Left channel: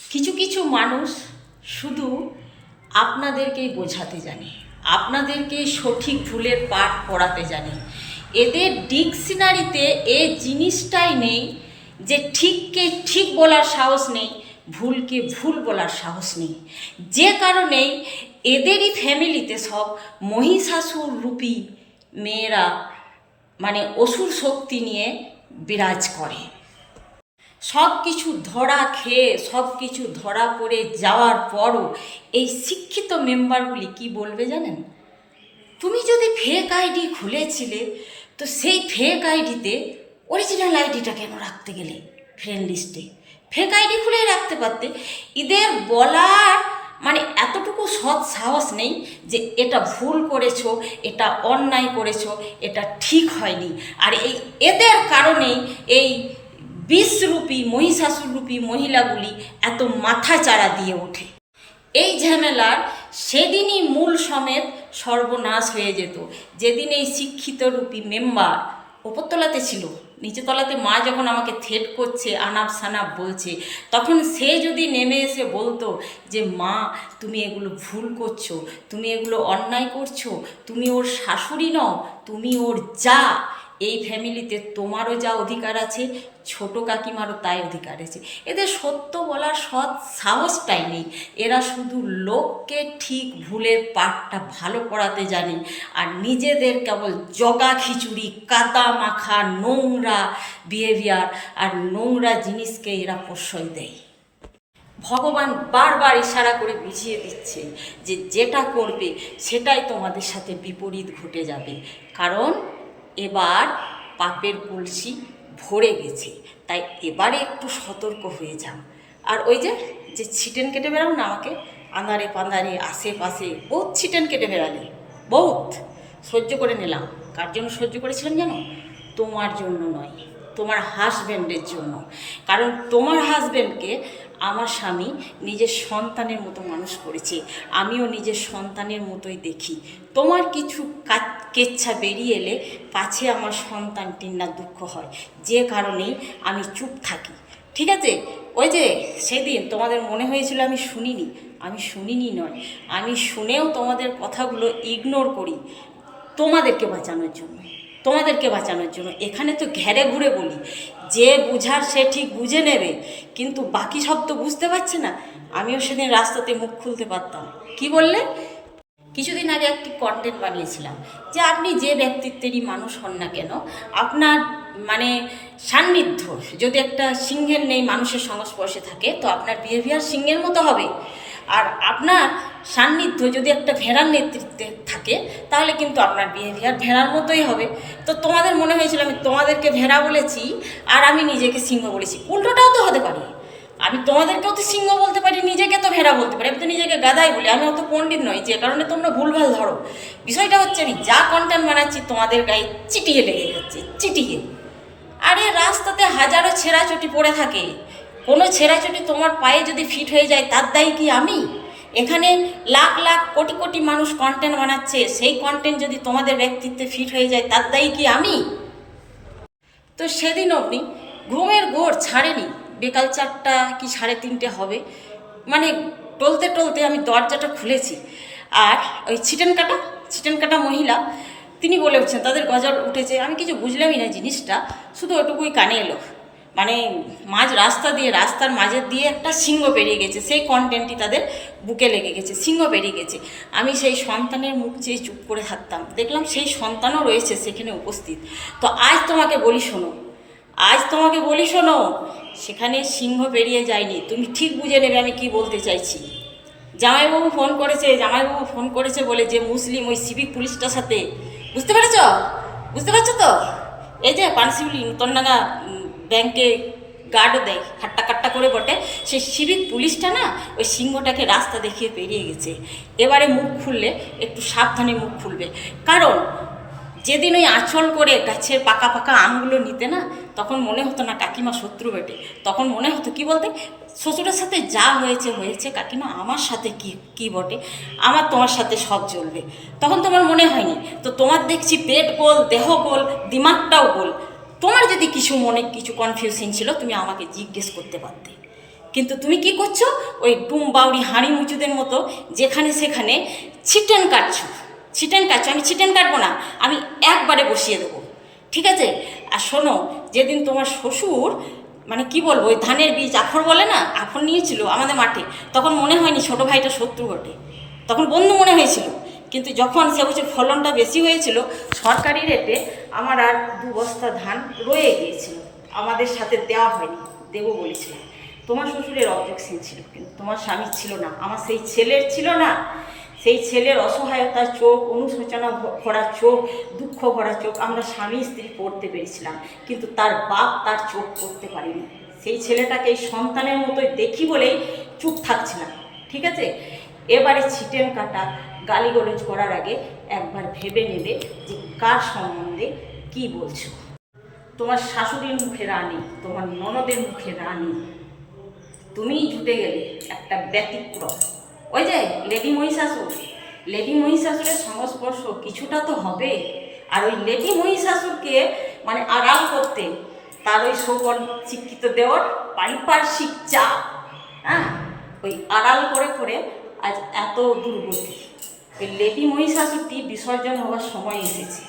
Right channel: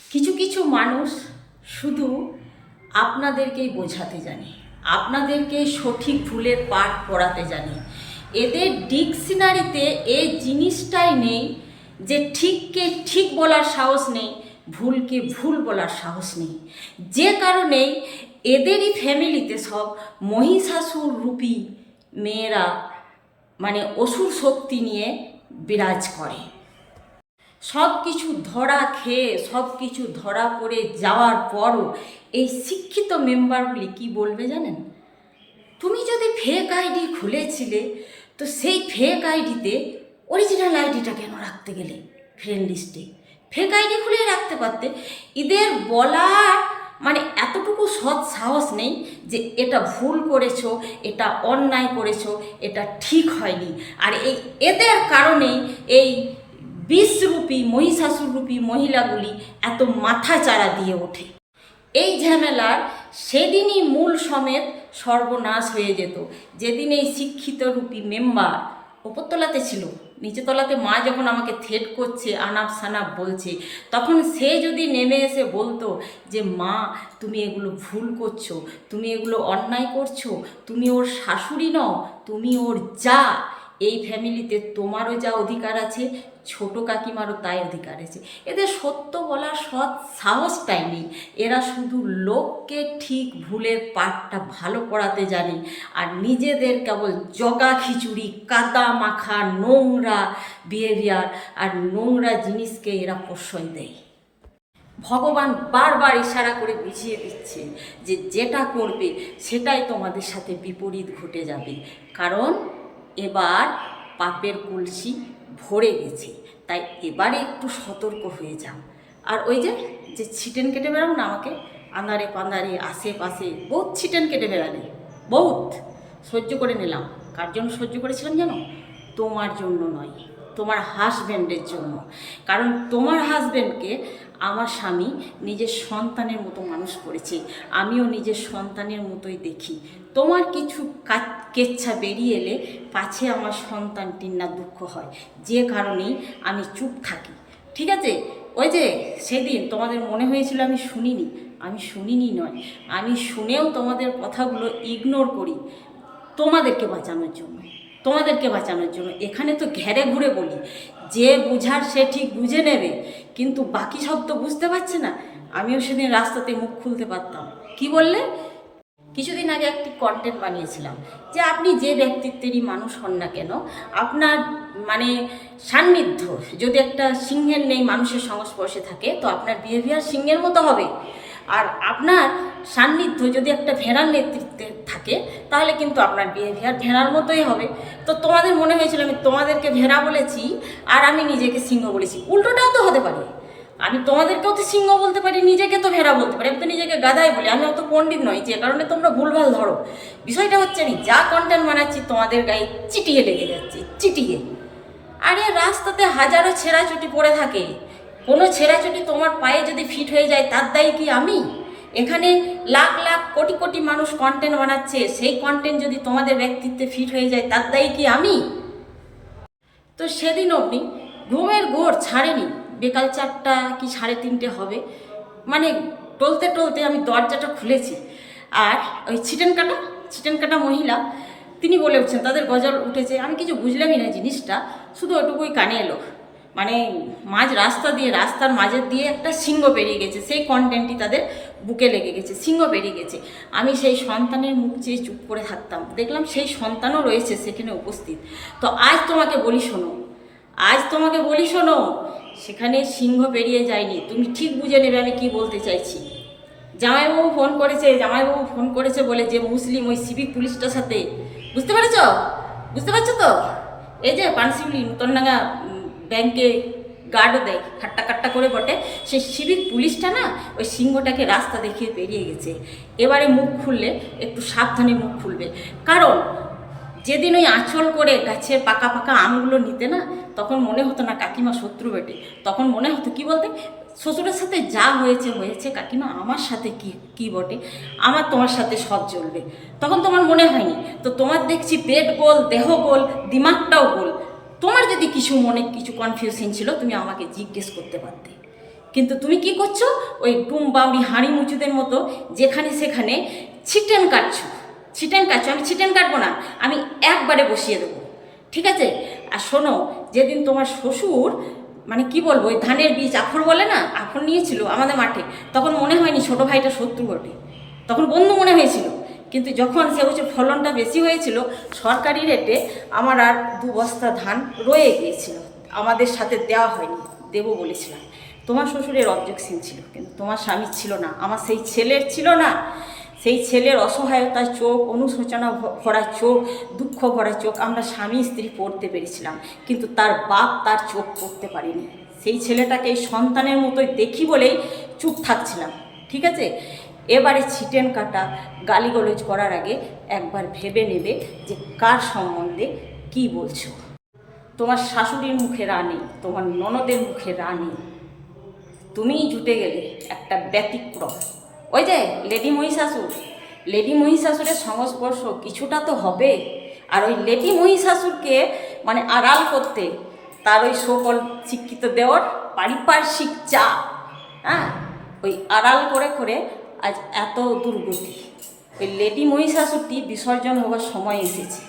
কিছু কিছু মানুষ শুধু আপনাদেরকেই বোঝাতে জানে, আপনাদেরকে সঠিক ভুলের পাঠ পড়াতে জানে। এদের ডিকশনারিতে এই জিনিসটাই নেই যে ঠিককে ঠিক বলার সাহস নেই, ভুলকে ভুল বলার সাহস নেই। যে কারণেই এদেরই ফ্যামিলিতে সব মহিষাসুর রূপী মেয়েরা মানে অসুর শক্তি নিয়ে বিরাজ করে। সব কিছু ধরা খেয়ে সব কিছু ধরা পড়ে যাওয়ার পরও এই শিক্ষিত মেম্বারগুলি কি বলবে জানেন? তুমি যদি ফেক আইডি খুলেছিলে তো সেই ফেক আইডিতে অরিজিনাল আইডিটা কেন রাখতে গেলে ফ্রেন্ড লিস্টে? ফেক আইডি খুলেই রাখতে পারতে। এদের বলার মানে এতটুকু সৎ সাহস নেই যে এটা ভুল করেছো, এটা অন্যায় করেছো, এটা ঠিক হয়নি। আর এদের কারণেই এই বিষরূপী মহিষাসুররূপী মহিলাগুলি এত মাথা চাড়া দিয়ে ওঠে। এই ঝামেলার সেদিনই মূল সমেত সর্বনাশ হয়ে যেত, যেদিন এই শিক্ষিত রূপী মেম্বার ওপরতলাতে ছিল, নিচে তলাতে মা যখন আমাকে থ্রেট করছে, আনাপ সানাপ বলছে, তখন সে যদি নেমে এসে বলতো যে মা তুমি এগুলো ভুল করছো, তুমি এগুলো অন্যায় করছো, তুমি ওর শাশুড়ি নও, তুমি ওর যা, এই ফ্যামিলিতে তোমারও যা অধিকার আছে, ছোট কাকিমারও তাই অধিকার আছে। এদের সত্য বলার সৎ সাহসটাই নেই। এরা শুধু লোককে ঠিক ভুলের পাঠটা ভালো পড়াতে জানে, আর নিজেদের কেবল জগা খিচুড়ি, কাদা মাখা, নোংরা বিহেভিয়ার আর নোংরা জিনিসকে এরা প্রশ্রয় দেয়। ভগবান বারবার ইশারা করে বুঝিয়ে দিচ্ছে যে যেটা করবে সেটাই তোমাদের সাথে বিপরীত ঘটে যাবে, কারণ এবার পাপের কলসি ভরে গেছে। তাই এবারে একটু সতর্ক হয়ে যাও। আর ওই যে ছিটেন কেটে বেড়াও না আমাকে, আঁধারে পাঁধারে আশেপাশে বহুত ছিটেন কেটে বেড়ালে, বহুত সহ্য করে নিলাম। কার জন্য সহ্য করেছিলেন জানো? তোমার জন্য নয়, তোমার হাজব্যান্ডের জন্য। কারণ তোমার হাজব্যান্ডকে আমার স্বামী নিজের সন্তানের মতো মানুষ করেছে, আমিও নিজের সন্তানের মতোই দেখি। তোমার কিছু কেচ্ছা বেরিয়ে এলে পাছে আমার সন্তানটির না দুঃখ হয়, যে কারণেই আমি চুপ থাকি। ঠিক আছে? ওই যে সেদিন তোমাদের মনে হয়েছিল আমি শুনিনি নয়, আমি শুনেও তোমাদের কথাগুলো ইগনোর করি তোমাদেরকে বাঁচানোর জন্য। এখানে তো ঘেরে ঘুরে বলি, যে বুঝার সে ঠিক বুঝে নেবে, কিন্তু বাকি সব তো বুঝতে পারছে না। আমিও সেদিন রাস্তাতে মুখ খুলতে পারতাম। কি বললে? কিছুদিন আগে একটি কন্টেন্ট বানিয়েছিলাম যে আপনি যে ব্যক্তিত্বেরই মানুষ হন না কেন, আপনার মানে সান্নিধ্য যদি একটা সিংহের নেই মানুষের সংস্পর্শে থাকে, তো আপনার বিহেভিয়ার সিংহের মতো হবে। আর আপনার সান্নিধ্য যদি একটা ভেড়ার নেতৃত্বে থাকে, তাহলে কিন্তু আপনার বিহেভিয়ার ভেড়ার মতোই হবে। তো তোমাদের মনে হয়েছিল আমি তোমাদেরকে ভেড়া বলেছি আর আমি নিজেকে সিংহ বলেছি। উল্টোটাও তো হতে পারে, আমি তোমাদেরকেও তো সিংহ বলতে পারি, নিজেকে তো ভেড়া বলতে পারি। আমি তো নিজেকে গাদাই বলি, আমি অত পণ্ডিত নই যে কারণে তোমরা ভুলভাল ধরো। বিষয়টা হচ্ছে আমি যা কন্টেন্ট বানাচ্ছি তোমাদের গায়ে চিটিয়ে লেগে যাচ্ছে, চিটিয়ে। আরে রাস্তাতে হাজারো ছেঁড়াচুটি পড়ে থাকে, কোনো ছেঁড়াচুটি তোমার পায়ে যদি ফিট হয়ে যায় তার দায়ী কি আমি? এখানে লাখ লাখ কোটি কোটি মানুষ কন্টেন্ট বানাচ্ছে, সেই কন্টেন্ট যদি তোমাদের ব্যক্তিত্বে ফিট হয়ে যায় তার দায়ী কি আমি? তো সেদিন অবধি ঘুমের ঘোর ছাড়েনি। বিকাল 4টা কি 3:30 হবে, মানে টলতে টলতে আমি দরজাটা খুলেছি, আর ওই ছিটেন কাটা মহিলা তিনি বলে উঠছেন, তাদের গজল উঠেছে। আমি কিছু বুঝলামই না জিনিসটা, শুধু ওটুকুই কানে এলো, মানে রাস্তার মাঝের দিয়ে একটা সিংহ বেরিয়ে গেছে, সেই কন্টেন্টটি তাদের বুকে লেগে গেছে, সিংহ বেরিয়ে গেছে। আমি সেই সন্তানের মুখ চেয়ে চুপ করে থাকতাম, দেখলাম সেই সন্তানও রয়েছে সেখানে উপস্থিত। তো আজ তোমাকে বলি শোনো, সেখানে সিংহ বেরিয়ে যায়নি, তুমি ঠিক বুঝে নেবে আমি কি বলতে চাইছি। জামাইবাবু ফোন করেছে বলে যে মুসলিম ওই সিভিক পুলিশটার সাথে, বুঝতে পারছো তো? এই যে পানশিউলি নূতনডাঙ্গা ব্যাংকে গার্ডও দেয়, খাট্টা করে বটে, সেই সিভিক পুলিশটা না ওই সিংহটাকে রাস্তা দেখিয়ে বেরিয়ে গেছে। এবারে মুখ খুললে একটু সাবধানে মুখ খুলবে, কারণ যেদিন ওই আঁচল করে গাছের পাকা আমগুলো নিতে না, তখন মনে হতো না কাকিমা শত্রু বেটে, তখন মনে হতো কি বলতে, শ্বশুরের সাথে যা হয়েছে কাকিমা, আমার সাথে কি বটে, আমার তোমার সাথে সব চলবে। তখন তোমার মনে হয়নি। তো তোমার দেখছি পেট গোল, দেহ গোল, দিমাগটাও গোল। তোমার যদি কিছু মনে কিছু কনফিউশন ছিল তুমি আমাকে জিজ্ঞেস করতে পারতে, কিন্তু তুমি কি করছো? ওই ডুম বাউরি হাঁড়ি মুচুদের মতো যেখানে সেখানে ছিটেন কাটছো। আমি ছিটেন কাটবো না, আমি একবারে বসিয়ে দেবো, ঠিক আছে? আর শোনো, যেদিন তোমার শ্বশুর মানে কি বলবো, ওই ধানের বীজ আখর বলে না, আখর নিয়েছিল আমাদের মাঠে, তখন মনে হয়নি ছোটো ভাইটা শত্রু বটে, তখন বন্ধু মনে হয়েছিল। কিন্তু যখন সে বছর ফলনটা বেশি হয়েছিল, সরকারি রেটে আমার আর 2 বস্তা ধান রয়ে গিয়েছিল, আমাদের সাথে দেওয়া হয়নি, দেবো বলেছিলাম। তোমার শ্বশুরের অবজেকশন ছিল, কিন্তু তোমার স্বামীর ছিল না, আমার সেই ছেলের ছিল না। সেই ছেলের অসহায়তার চোখ, অনুশোচনা ভরা চোখ, দুঃখ ভরা চোখ আমরা স্বামী স্ত্রী পড়তে পেরেছিলাম, কিন্তু তার বাপ তার চোখ পড়তে পারিনি। সেই ছেলেটাকে এই সন্তানের মতোই দেখি বলেই চুপ থাকছিলাম, ঠিক আছে? এবারে ছিটেন কাটা গালিগালাজ করার আগে একবার ভেবে নেবে যে কার সম্বন্ধে কি বলছো। তোমার শাশুড়ির মুখে রানী, তোমার ননদের মুখে রানী, তুমিই জুটে গেলে একটা ব্যতিক্রম। ওই যে লেডি মহিষাসুরের সংস্পর্শ কিছুটা তো হবে। আর ওই লেডি মহিষাসুরকে মানে আড়াল করতে তার ওই সকল শিক্ষিত দেওয়ার পারিপার্শ্বিক চাপ, হ্যাঁ, ওই আড়াল করে করে আজ এত দুর্গতি। ওই লেডি মহিষাসুরটি বিসর্জন হওয়ার সময় এসেছে।